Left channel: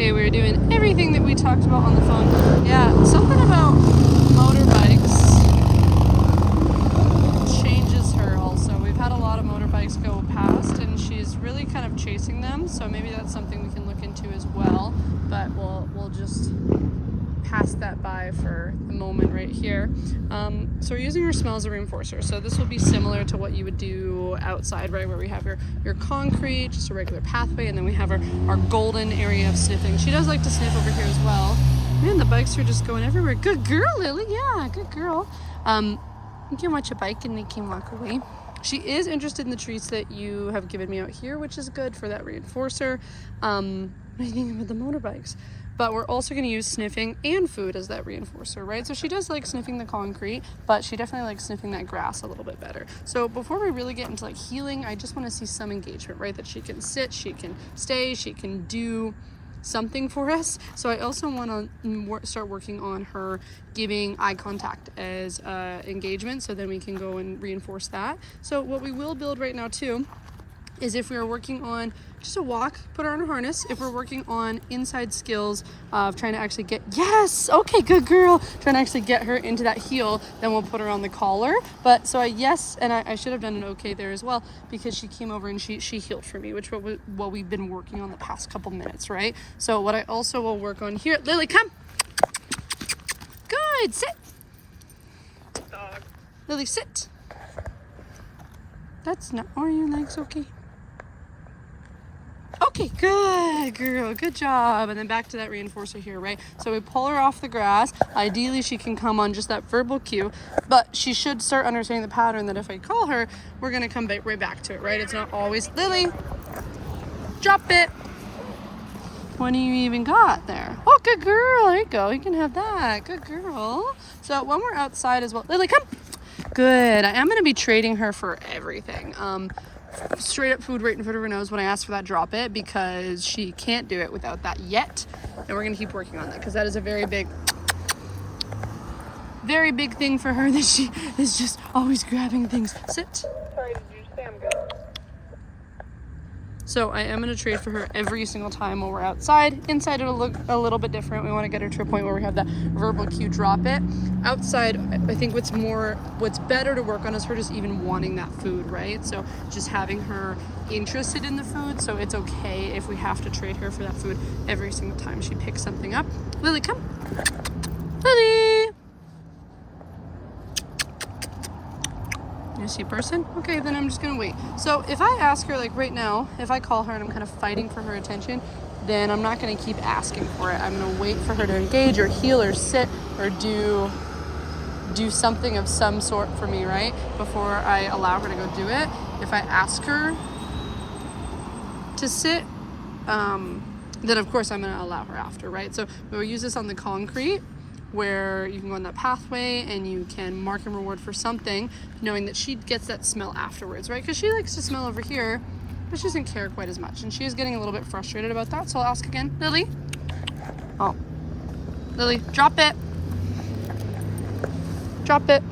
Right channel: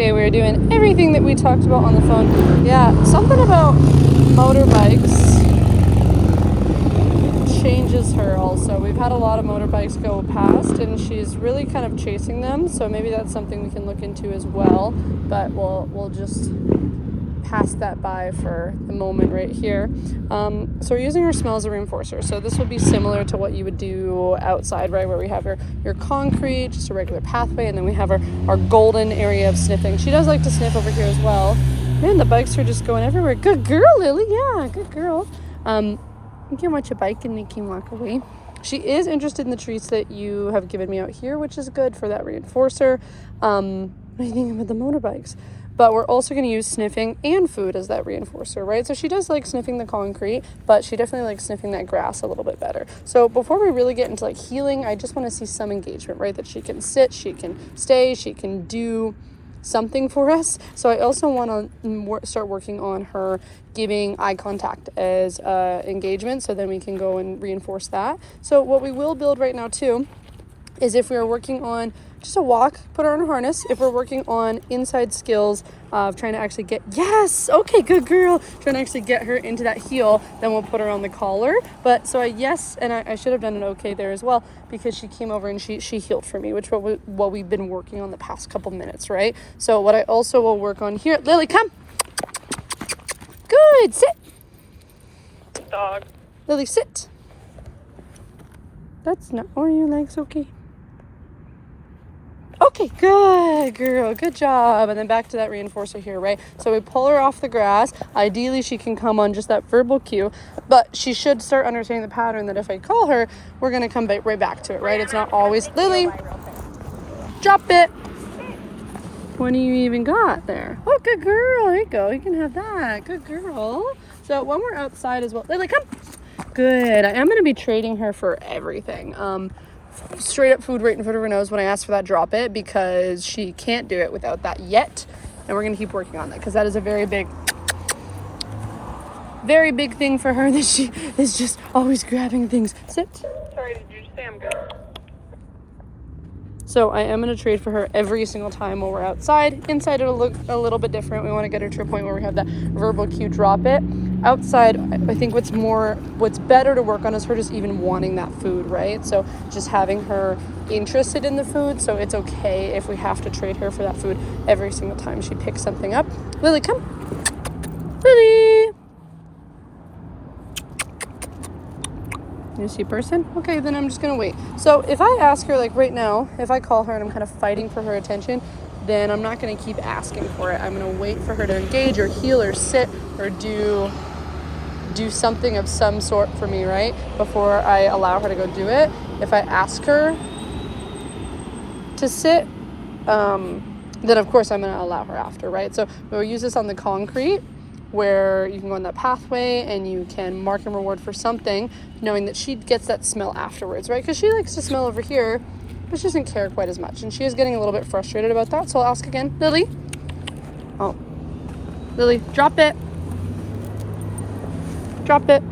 Okay, we're doing everything that we talked about on the phone. Yeah, something about motorbikes changes her also. We've had a lot of motorbikes go past and she's really kind of chasing them, so maybe that's something we can look into as well, but we'll just pass that by for the moment right here. So we're using our smell as a reinforcer. So this will be similar to what you would do outside, right, where we have your concrete, just a regular pathway, and then we have our golden area of sniffing. She does like to sniff over here as well. Man, the bikes are just going everywhere. Good girl, Lily. Yeah, good girl. You can watch a bike and they can walk away. She is interested in the treats that you have given me out here, which is good for that reinforcer. What do you think about the motorbikes? But we're also going to use sniffing and food as that reinforcer, right? So she does like sniffing the concrete, but she definitely likes sniffing that grass a little bit better. So before we really get into like healing, I just want to see some engagement, right? That she can sit, she can stay, she can do something for us. So I also want to start working on her giving eye contact as engagement, so then we can go and reinforce that. So what we will build right now too is if we are working on just a walk, put her on a harness. If we're working on inside skills of trying to actually get, yes, okay, good girl, trying to actually get her into that heel, then we'll put her on the collar. But so I should have done an okay there as well, because she came over and she healed for me, which what we've been working on the past couple minutes, right? So what I also will work on here, Lily, come. Good, sit. Dog. Lily, sit. That's not, are your legs okay? Okay, good girl, good job. And then back to that reinforcer here, right? So we pull her off the grass. Ideally, she can come on just that verbal cue, but she should start understanding the pattern that if I call her, we're gonna come right back to it, right? It's not always, Lily, drop it. What do you even got there? Oh, good girl, there you go. You can have that, good girl. So when we're outside as well, Lily, come. Good, I am gonna be trading her for everything. Straight up food right in front of her nose when I ask for that, drop it, because she can't do it without that yet, and we're gonna keep working on that because that is a very big thing for her, that she is just always grabbing things. Sit. Sorry, did you say I'm good? So I am going to trade for her every single time while we're outside. Inside it'll look a little bit different. We want to get her to a point where we have that verbal cue, drop it. Outside, I think what's better to work on is her just even wanting that food, right? So just having her interested in the food. So it's okay if we have to trade her for that food every single time she picks something up. Lily, come. Lily. You see a person? Okay, then I'm just gonna wait. So if I ask her, like right now, if I call her and I'm kind of fighting for her attention, then I'm not gonna keep asking for it. I'm gonna wait for her to engage or heal or sit or do something of some sort for me, right? Before I allow her to go do it. If I ask her to sit, then of course I'm gonna allow her after, right? So we'll use this on the concrete, where you can go on that pathway and you can mark and reward for something, knowing that she gets that smell afterwards, right? Because she likes to smell over here, but she doesn't care quite as much. And she is getting a little bit frustrated about that. So I'll ask again. Lily? Oh. Lily, drop it. Drop it.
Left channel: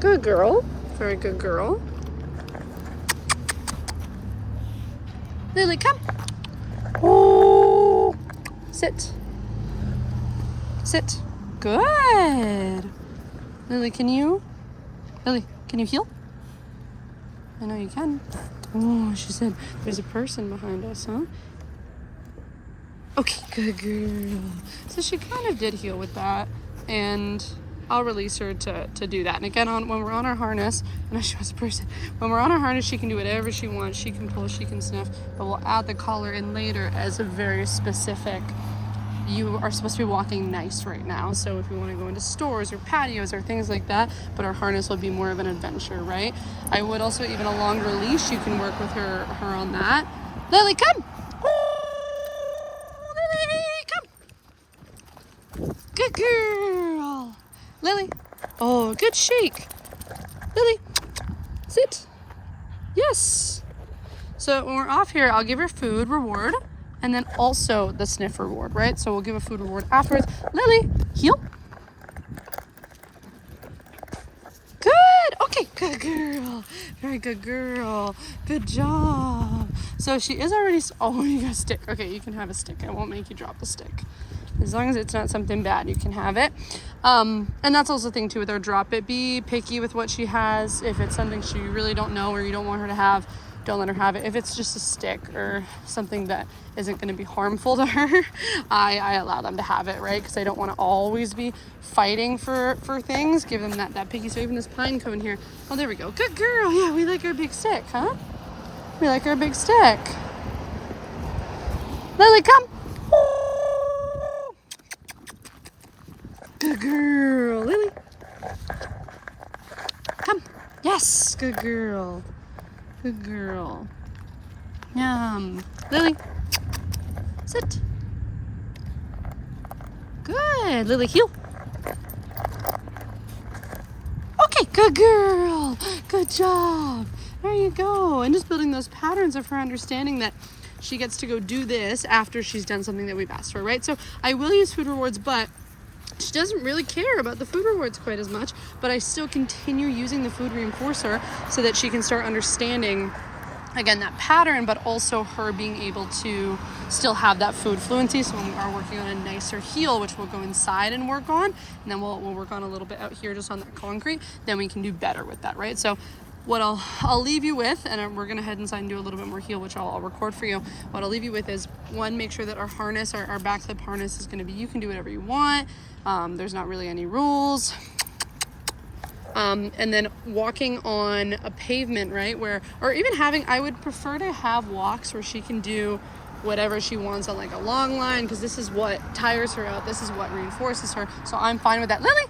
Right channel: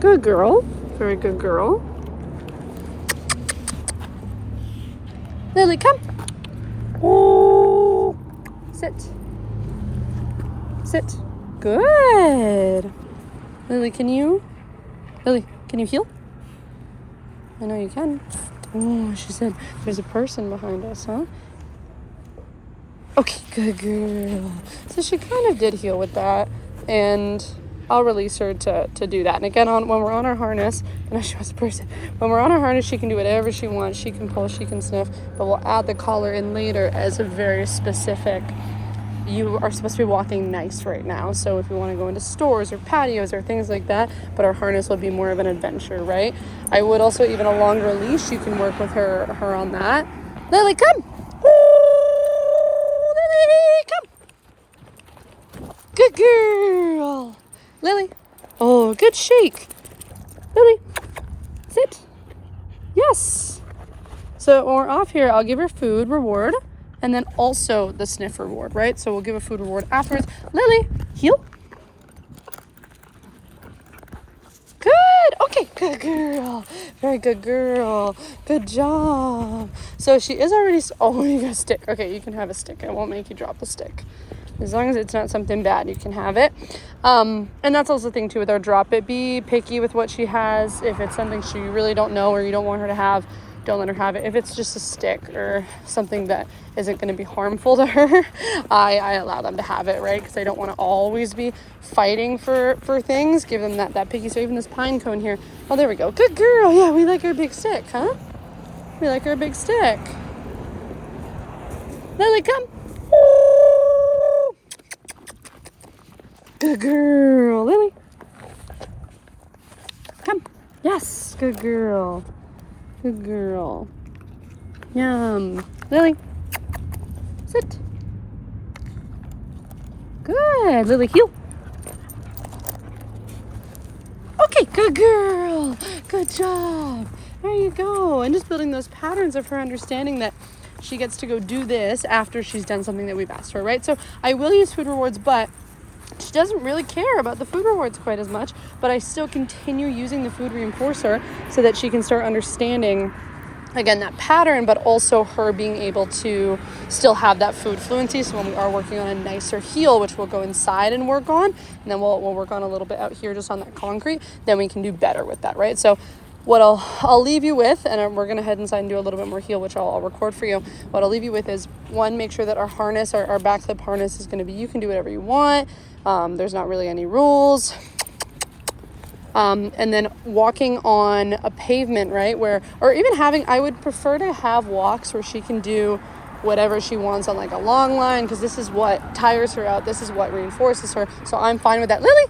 Good girl. Very good girl. Lily, come. Ooh. Sit. Sit. Good. Lily, can you heal? I know you can. Oh, she said there's a person behind us, huh? Okay, good girl. So she kind of did heal with that, and I'll release her to do that. And again, when we're on our harness, and she was a person, when we're on our harness, she can do whatever she wants. She can pull, she can sniff, but we'll add the collar in later as a very specific, you are supposed to be walking nice right now. So if we want to go into stores or patios or things like that, but our harness will be more of an adventure, right? I would also, even a longer leash, you can work with her on that. Lily, come. Ooh, Lily, come. Good girl. Lily. Oh, good shake. Lily, sit. Yes. So when we're off here, I'll give her food reward, and then also the sniff reward, right? So we'll give a food reward afterwards. Lily, heel. Good Good. Okay, good girl. Very good girl. Good job. So she is already, oh, you got a stick. Okay, you can have a stick. I won't make you drop a stick. As long as it's not something bad, you can have it. And that's also the thing too with our drop it. Be picky with what she has. If it's something she really don't know or you don't want her to have, don't let her have it. If it's just a stick or something that isn't going to be harmful to her, I allow them to have it, right? Because I don't want to always be fighting for things. Give them that picky. So even this pine cone here. Oh, there we go. Good girl. Yeah, we like our big stick, huh? We like our big stick. Lily, come. Good girl. Lily. Come. Yes. Good girl. Good girl. Yum. Lily. Sit. Good. Lily, heel. Okay, good girl. Good job. There you go. And just building those patterns of her understanding that she gets to go do this after she's done something that we've asked her, right? So I will use food rewards, but she doesn't really care about the food rewards quite as much, but I still continue using the food reinforcer so that she can start understanding, again, that pattern, but also her being able to still have that food fluency. So when we are working on a nicer heel, which we'll go inside and work on, and then we'll work on a little bit out here just on that concrete, then we can do better with that, right? So what I'll leave you with, and we're gonna head inside and do a little bit more heel, which I'll record for you. What I'll leave you with is, one, make sure that our harness, our back clip harness is gonna be, you can do whatever you want. There's not really any rules. And then walking on a pavement, right, where, or even having, I would prefer to have walks where she can do whatever she wants on like a long line, because this is what tires her out. This is what reinforces her. So I'm fine with that. Lily.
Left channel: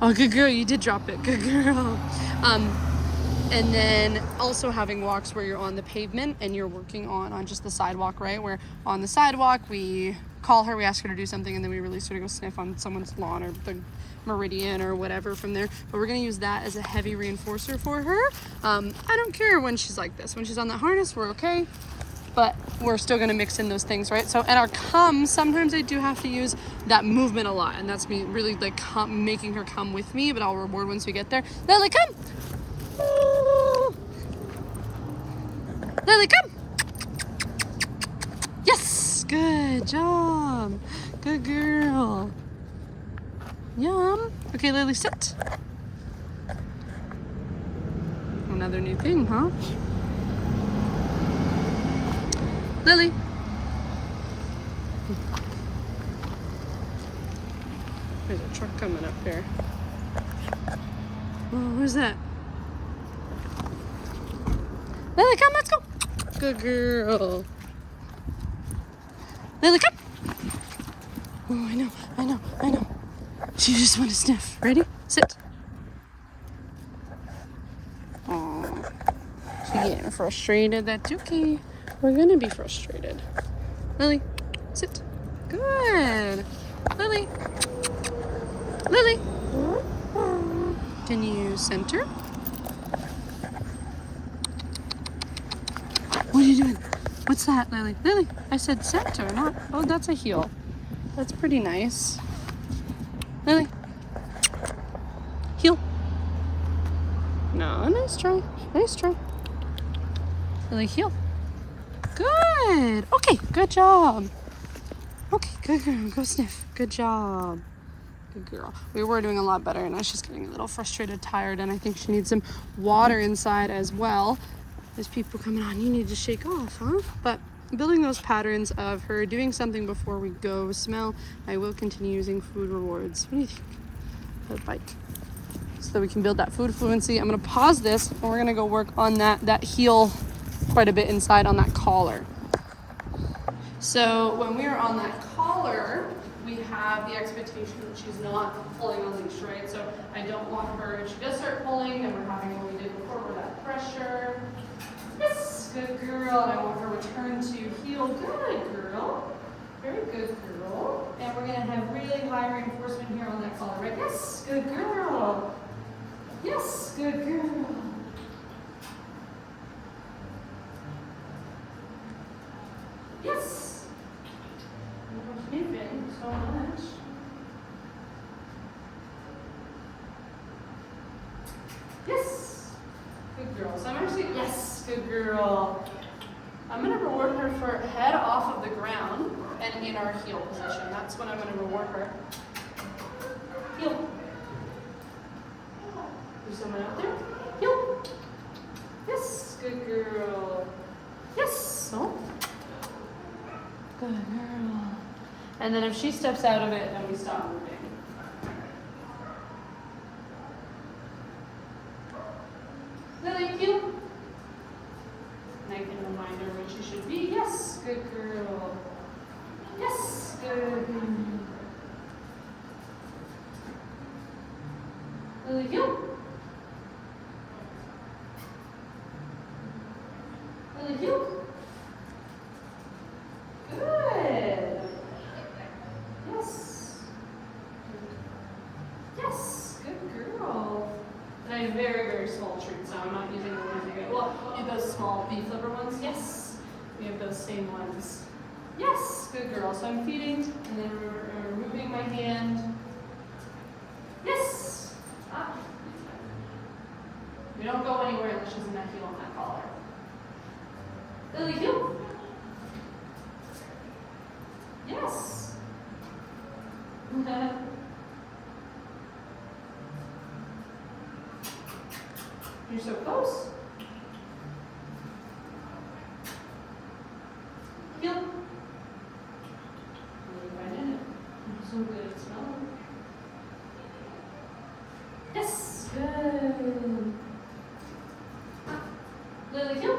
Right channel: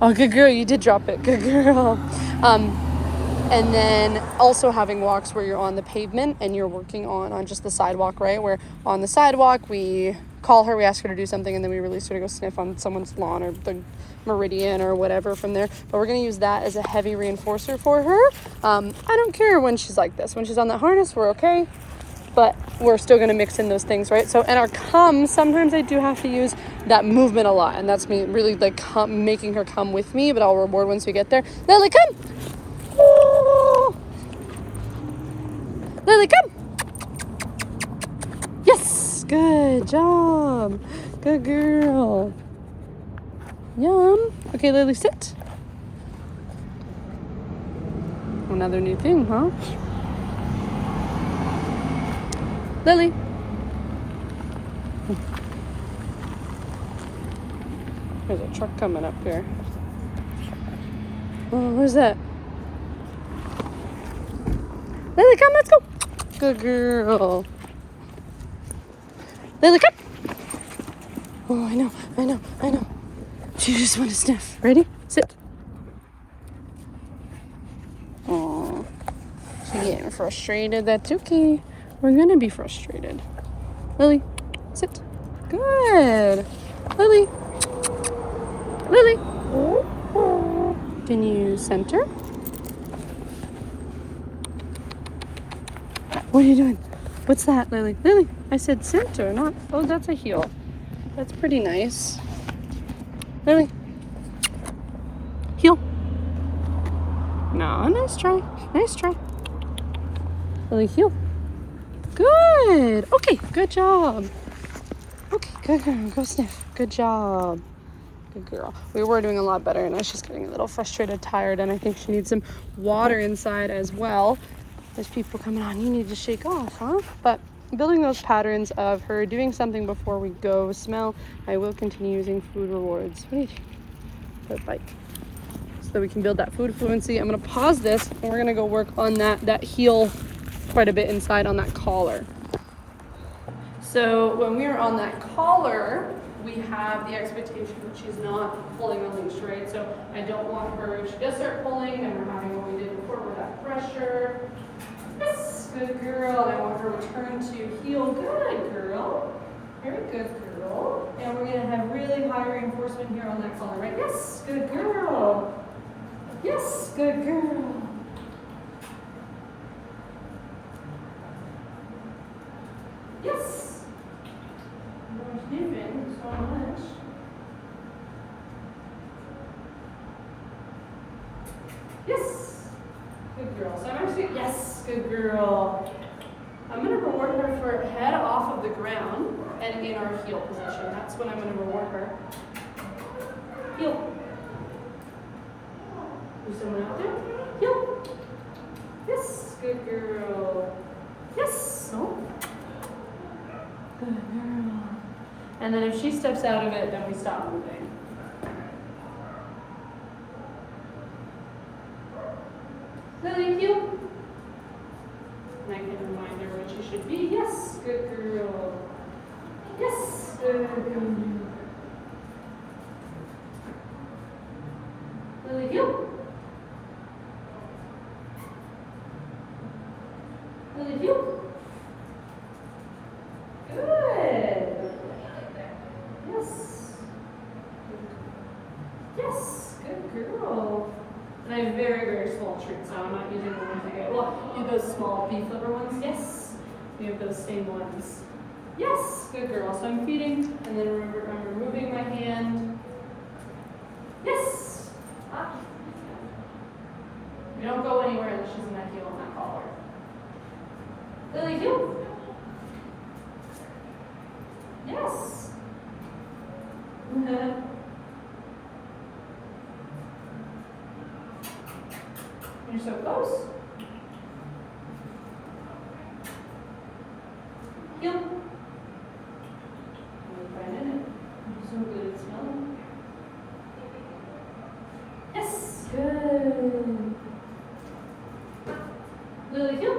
Oh, good girl. You did drop it. Good girl. And then also having walks where you're on the pavement and you're working on just the sidewalk, right? Where on the sidewalk, we call her, we ask her to do something, and then we release her to go sniff on someone's lawn or the meridian or whatever from there. But we're going to use that as a heavy reinforcer for her. I don't care when she's like this. When she's on that harness, we're okay. But we're still going to mix in those things, right? So, and our come, sometimes I do have to use that movement a lot. And that's me really like making her come with me, but I'll reward once we get there. Lily, come. Oh. Lily, come. Yes. Good job. Good girl. Yum. Okay, Lily, sit. Another new thing, huh? Lily. There's a truck coming up here. Oh, where's that? Lily, come, let's go. Good girl. Lily, come. Oh, I know. She just want to sniff. Ready? Sit. Oh, she's getting frustrated. That's okay. We're gonna be frustrated. Lily, sit. Good. Lily. Lily. Can you center? What are you doing? What's that, Lily? Lily, I said center, not... Oh, that's a heel. That's pretty nice. Lily. Heel. No, nice try. Nice try. Lily, heel. Good. Okay, good job. Okay, good girl. Go sniff. Good job. Good girl. We were doing a lot better, and now she's getting a little frustrated, tired, and I think she needs some water inside as well. There's people coming on. You need to shake off, huh? But building those patterns of her doing something before we go smell, I will continue using food rewards. What do you think? That bike. So that we can build that food fluency. I'm going to pause this, and we're going to go work on that heel quite a bit inside on that collar. So when we are on that collar, we have the expectation that she's not pulling on leash, right? So I don't want her, if she does start pulling, then we're having what we did before, where that pressure. Yes, good girl. And I want her return to heel. Good girl. Very good girl. And we're gonna have really high reinforcement here on that collar, right? Yes, good girl. Yes, good girl. Yes. We're sniffing so much. Yes. Good girl. So I'm actually, yes, good girl. I'm going to reward her for head off of the ground and in our heel position. That's what I'm going to reward her. Heel. There's someone out there. Heel. Yes, good girl. Yes. Oh. Good girl. And then if she steps out of it, then we stop moving. Lily, heel. And I can remind her what she should be. Yes, good girl. Yes, good girl. Lily, heel. Lily, heel. Good. Yes. Yes, good girl. And I have very, very small treats, so I'm not using the ones you get. Well, you have those small beef liver ones. Yes. We have those same ones. Yes, good girl. So I'm feeding, and then I'm removing my hand. Yes. Ah. We don't go anywhere unless she's in that heel and that collar. Lily, heel. Yes. You're so close. Heel. Right in it. I'm so good at smelling. Yes. Good. Lily, heel.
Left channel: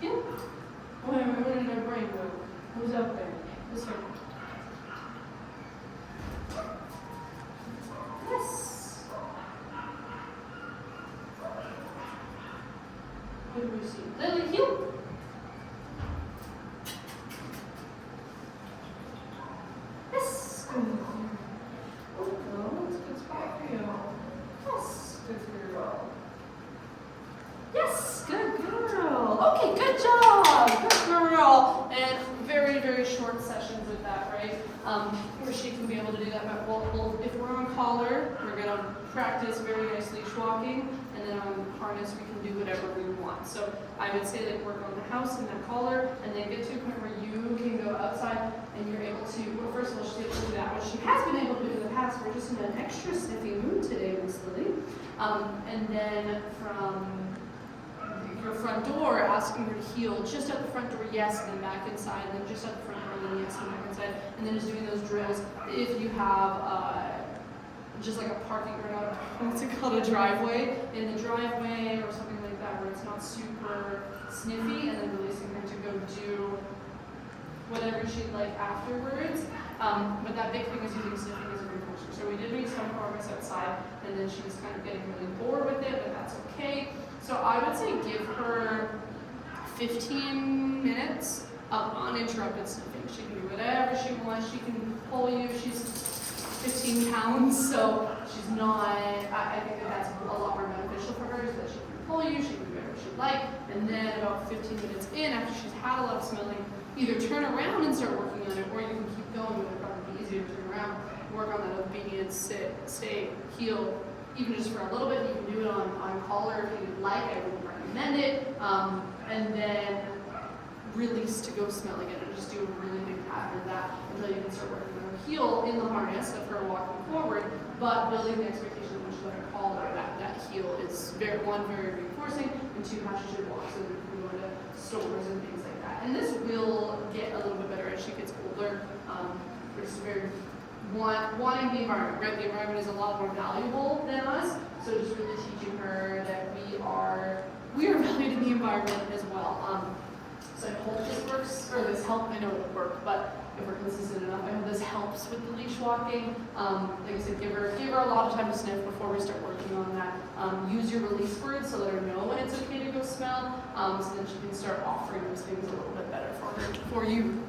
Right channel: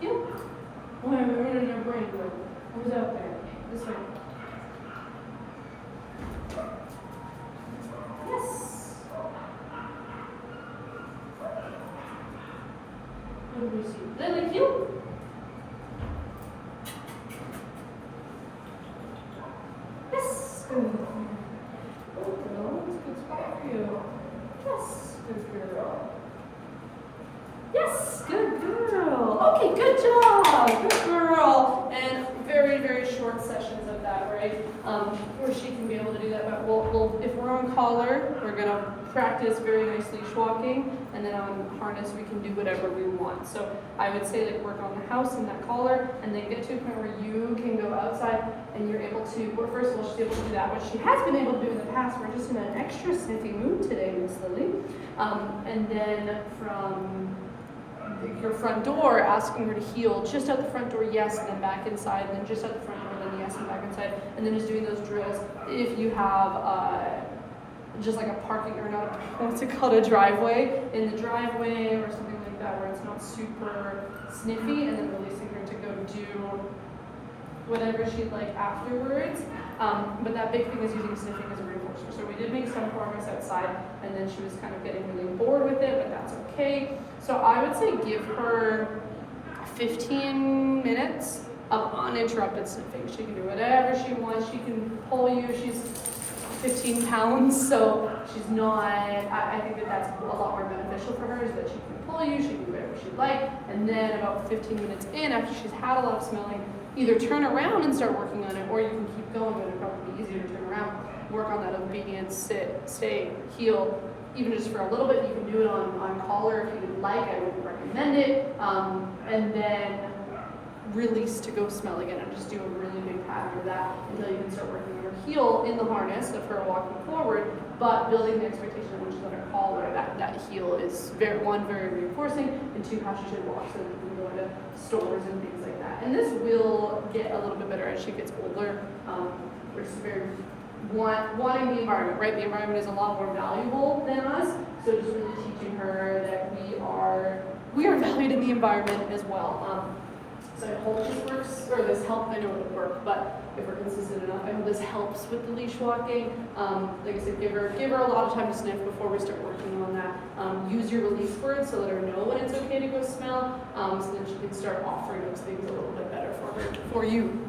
Heel. Oh, wait, where did our brain go? What was out there? This way. Yes. What do we see? Lily, heel. Yes. Good. Good girl. That's a good spot for you. Yes. Good girl. Yes. Good girl. Okay, good job. Good girl. And very, very short sessions of that, right? Where she can be able to do that. But we'll if we're on collar, we're going to practice very nice leash walking. And then on harness, we can do whatever we want. So I would say like work on the house and that collar, and then get to a point where you can go outside and you're able to, well, first of all, she's able to do that, which she has been able to do in the past. We're just in an extra sniffy mood today, Miss Lily. And then from your front door, asking her to heel just at the front door, yes, and then back inside, and then just at the front door, then yes, and back inside, and then just doing those drills. If you have just like a parking, or not, what's it called, a driveway, in the driveway or something like that, where it's not super sniffy, and then releasing her to go do whatever she'd like afterwards. But that big thing is using sniffing as a reinforcer. So we did make some progress outside, and then she was kind of getting really bored with it, but that's okay. So I would say give her 15 minutes of uninterrupted sniffing. She can do whatever she wants. She can pull you. She's 15 pounds, so she's not, I think that that's a lot more beneficial for her, is that she can pull you, she can do whatever she'd like, and then about 15 minutes in, after she's had a lot of smelling, either turn around and start working on it, or you can keep going, but it'll probably be easier to turn around, work on that obedience, sit, stay, heel, even just for a little bit. You can do it on collar if you'd like. I wouldn't recommend it. And then release to go smell again, and just do a really big pattern of that until you can start working on her heel in the harness of her walking forward, but building the expectation that when she's on her collar, that heel is very reinforcing, and two, how she should walk, so that you can go into stores and things like that. And this will get a little bit better as she gets older. We're just very wanting the environment, right? The environment is a lot more valuable than us, so just really teaching her that we are valued in the environment as well. So I hope this works, or this helps. I know it'll work, but if we're consistent enough, I hope this helps with the leash walking. Like I said, give her a lot of time to sniff before we start working on that. Use your release words, so let her know when it's okay to go smell, so then she can start offering those things a little bit better for you.